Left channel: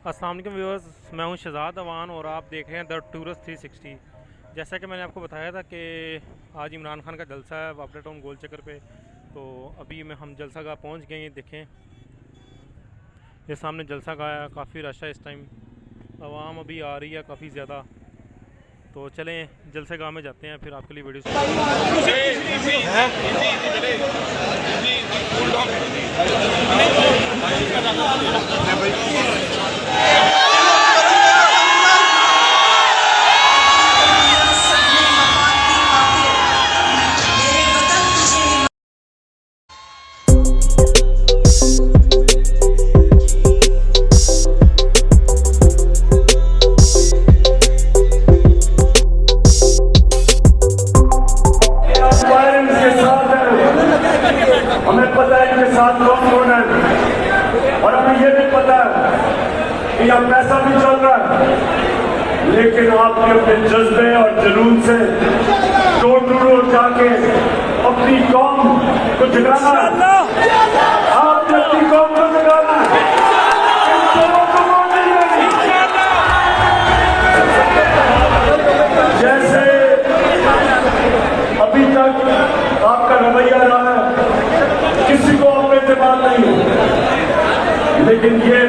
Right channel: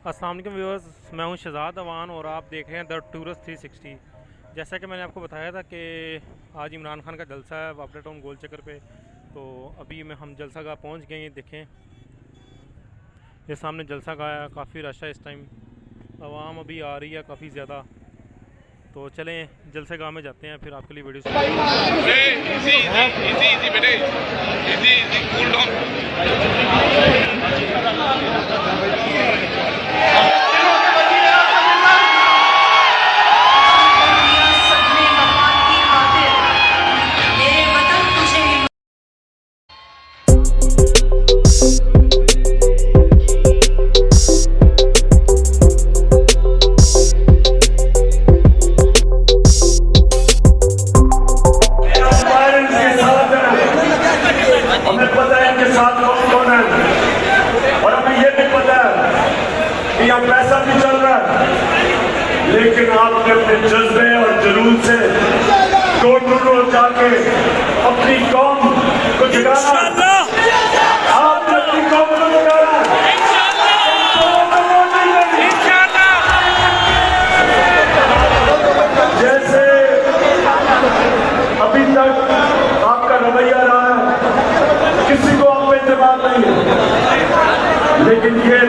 अस्सलाम वालेकुम व्यूअर्स, मैं हूं शहजाद अवान और आप देख रहे हैं द टूरिस्ट 360। जैसा कि मैंने आपको बताया था कि आज इमरान खान का जलसा है वापडा टाउन गोल चक्कर पे। तो अभी हम जलसा गाह पहुंच गए हैं। देखें, ये सामने जलसा गाह है, काफ़ी रश है इस टाइम, आवाम अभी आ रही है काफ़ी ज़्यादा। तो चलें जलसे गाह में जाते हैं, फिर आपके लिए वीडियो और हमें ये भी पता है कि यहाँ पैसा भी चल रहा है, लेकिन आपने अपने जज्बे और जुनून से डोर जाके अपनी कौम को जगाना, आपने अपनी कौम को जगाना। जैसे अभी तक आपका रवैया रहा, किसी को हम पे एतबार नहीं, लेकिन ये